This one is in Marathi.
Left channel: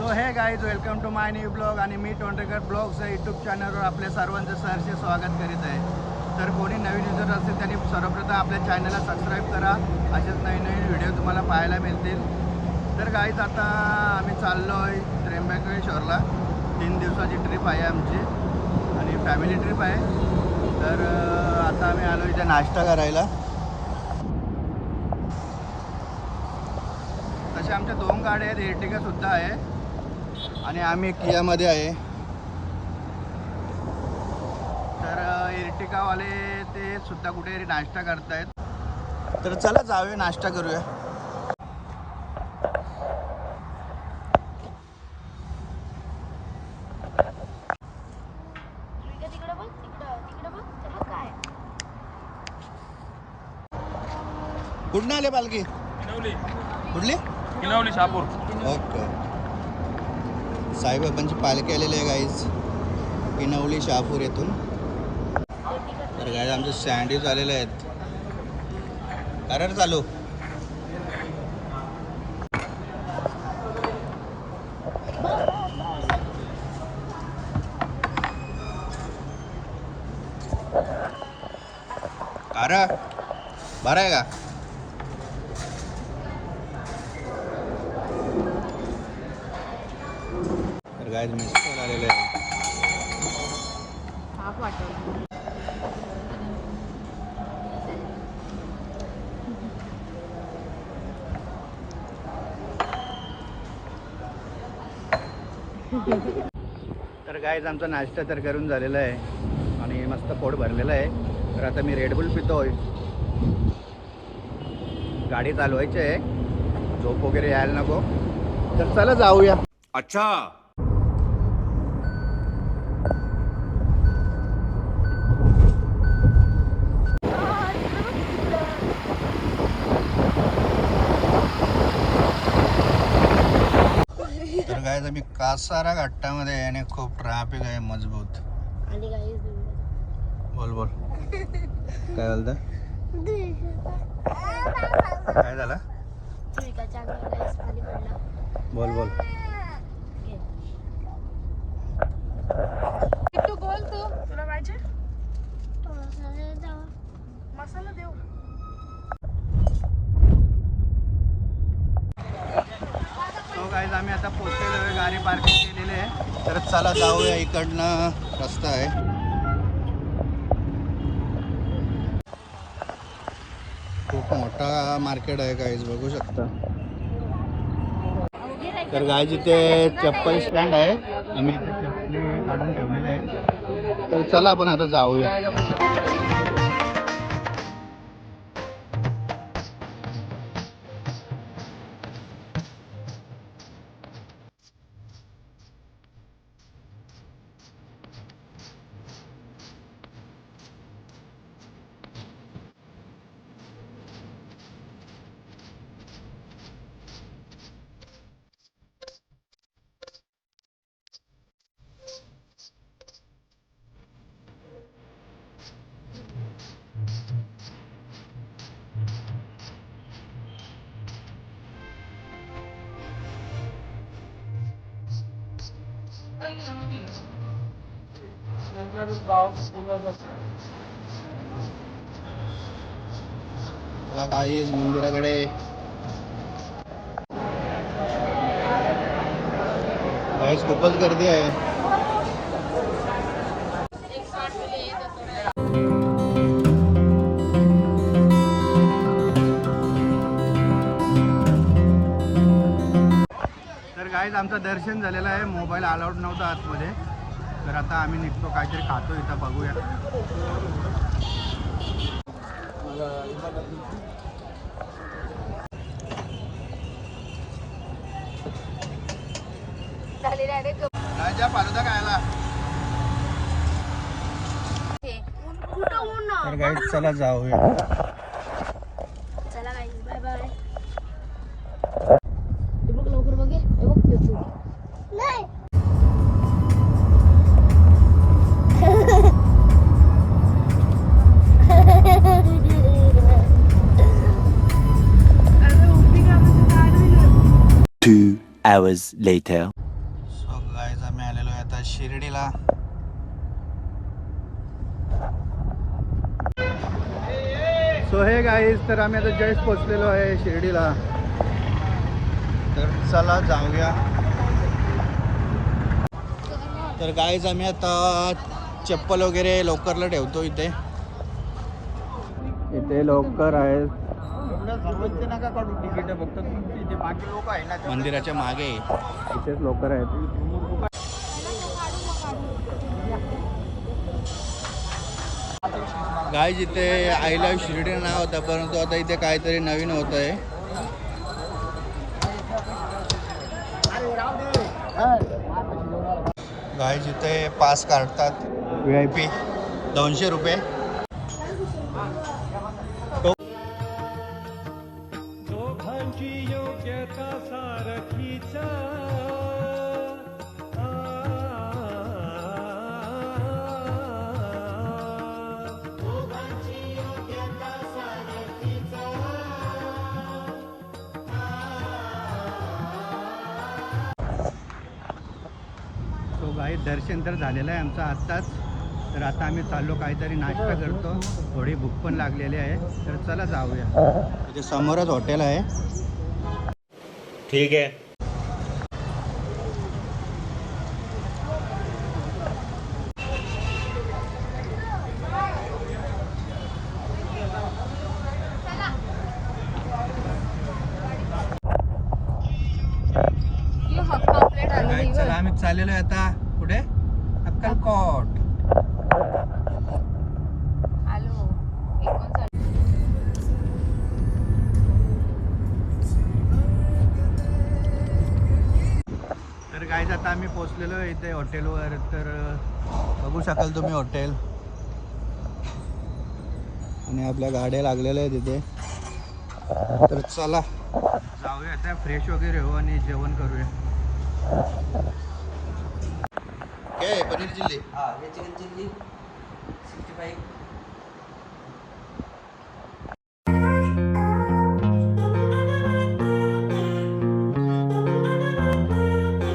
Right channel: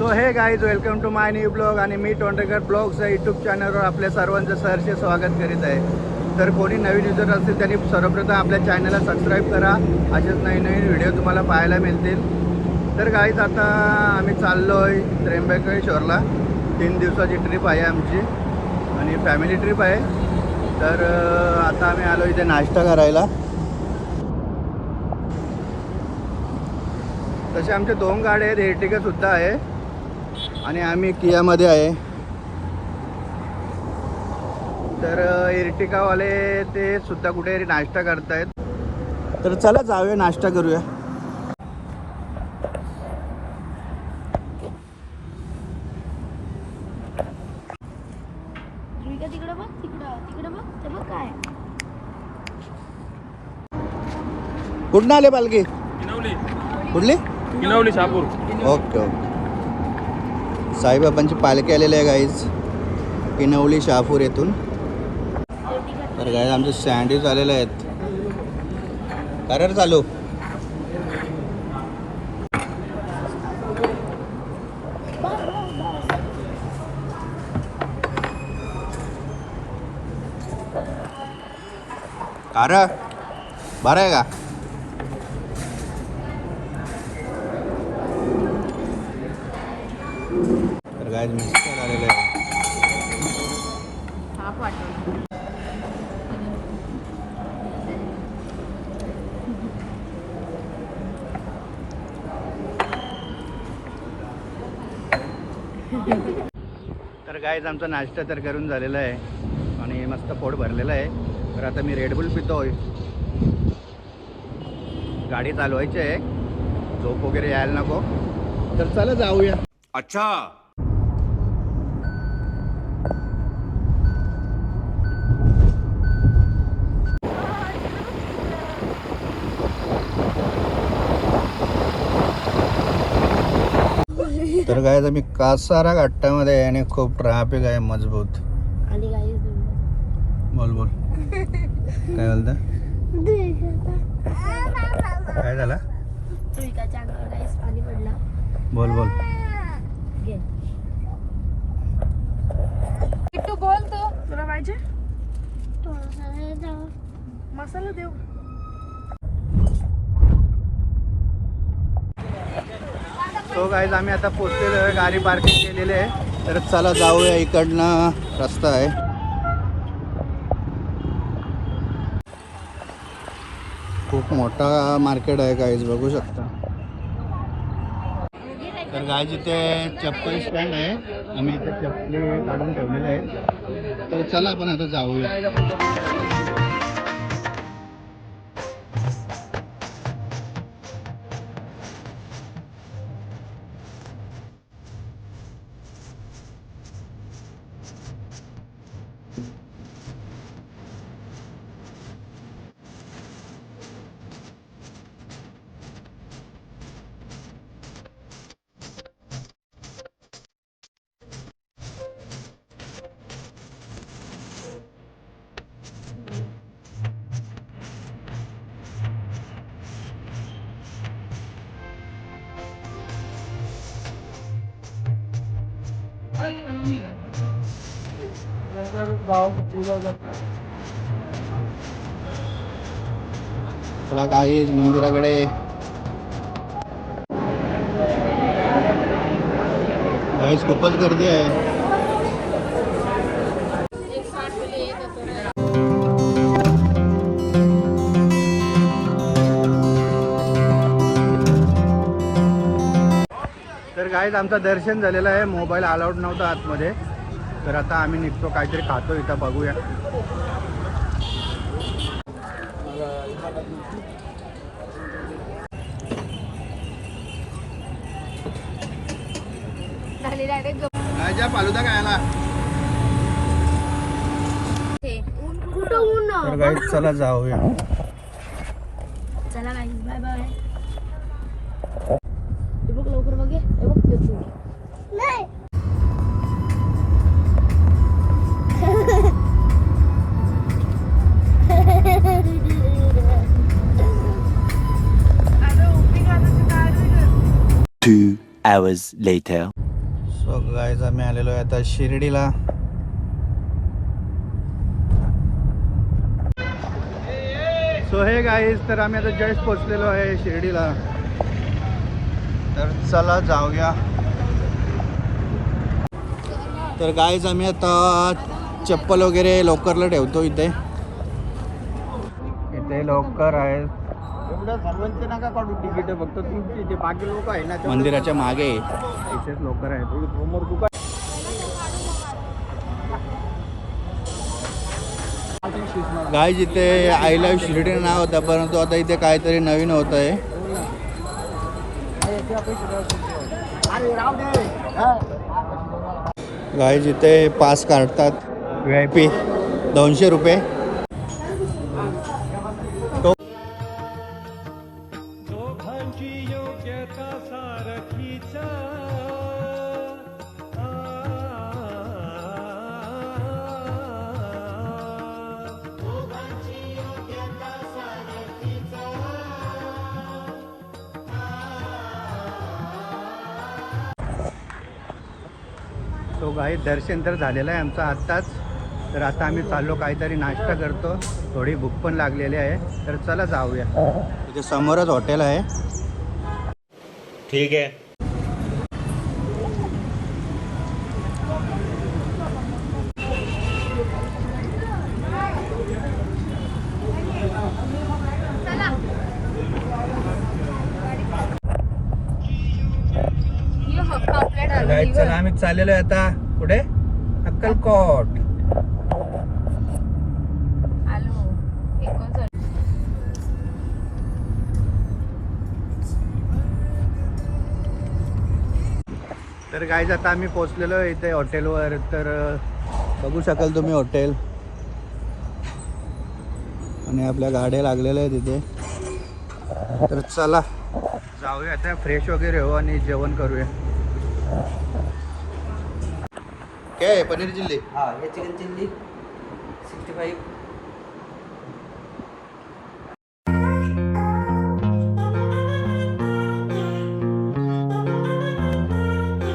So hey guys welcome to my new blog आणि मी टोंडरेकर ब्लॉगच्या यूट्यूब चॅनलवर आपल्या सर्वांचं सरचे स्वागत करीत आहे. तर कोणी नवीन युजर असतील त्यांनी सर्वप्रथम आपल्या चॅनलला सबस्क्राईब करा. असेच नवीन नवीन व्हिडिओ तुम्हाला पाहायला मिळतील. तर गाईज आता आम्ही चाललो आहे त्र्यंबकेश्वरला. तीन दिवसाची ट्रिप आहे आमची आणि फॅमिली ट्रिप आहे. तर आता आम्ही आलो इथे नाश्ता करायला. तसे आमचे दोन गाड्या आहेत एर्टिगा आहे. आणि आम्ही कियामध्ये आहे. तर एर्टिकावाले ते सुद्धा कुठे नाश्ता करतायत. तर चला जाऊया नाश्ता करूया. विका तिकडं बघ तिकडं तिकडं बघ ते बघ काय. कुठून आले पालखी? कुठली? किनवली शहापूर. Okay okay. साईबाबांची पालखी आलेली आहे गाईज किनवली शहापूर येथून. तर गाईज आमचे सँडविच आलेले आहेत. कारण चालू? कार बरं आहे का? गायज आमचा नाश्ता तर करून झालेला आहे. आणि मस्त पोट भरलेलं आहे. तर आता मी रेडबुल पितोय. गाडी चालवायची आहे. झोप वगैरे यायला नको. तर चला जाऊया. अच्छा. तर काय मी कासारा घाटामध्ये आहे आणि खूप ट्रॅफिक आहे मजबूत. बोल बोल. काय बोलता? काय झालं? बोल बोल. बोल तू. तुला पाहिजे? मसाला देऊ. सो गाईज आम्ही आता पोचलेलो आहे. गाडी पार्किंग केलेली आहे. तर चला जाऊया इकडनं. रस्ता आहे. खूप मोठा मार्केट आहे गाईज बघू शकता. तर गायज इथे चप्पल स्टँड आहे. आम्ही इथे चप्पली काढून ठेवलेले आहे तर चला आपण आता जाऊया. बघा काही मंदिराकडे काहीच खूपच गर्दी आहे. गाईज आमचं दर्शन झालेलं आहे. मोबाईल अलाउड नव्हता आतमध्ये. तर आता आम्ही निघतो काहीतरी खातो इथं बघूया. राजा फालुदा गाईज चला जाऊया. चला bye bye hours later. So guys आम्ही आलेलो आहे आता शिर्डीला. सो हे गाईज तर आम्ही आता जस्ट पोचलेलो आहे शिर्डीला. तर चला जाऊया. तर गाईज आम्ही आता चप्पल वगैरे लोकरला ठेवतो इथे. इथे लोकर आहे एवढं सर्वांचे नका काढू. तिकीट फक्त तुमची जे बाकी लोक आहे ना मंदिराच्या मागे. इथेच आहेत. समोर दुकान गाईज इथे आय लव्ह शिर्डी नाव होतं परंतु आता इथे काहीतरी नवीन होत आहे गाईज इथे पास काढतात व्ही आय पी दोनशे रुपये. तो गाई दर्शन तर झालेलं आहे आमचं आत्ताच. तर आता आम्ही चाललो काहीतरी नाश्ता करतो. थोडी भूक पण लागलेली आहे. तर चला जाऊया. समोरच हॉटेल आहे. ठीक है गाईज चला आम्ही चाललेलो आहे आता कुठे अक्कलकोट. तर गाईज आता आम्ही पोचलेलो आहे इथे हॉटेलवर तर बघू शकाल तुम्ही हॉटेल आणि आपल्या गाड्या लागलेल्या आहेत तिथे तर चला जाऊया. आता फ्रेश वगैरे हो आणि जेवण करूया. काय आहे? पनीर चिल्ली हा हे चिकन चिल्ली सिक्स्टी फाईव्ह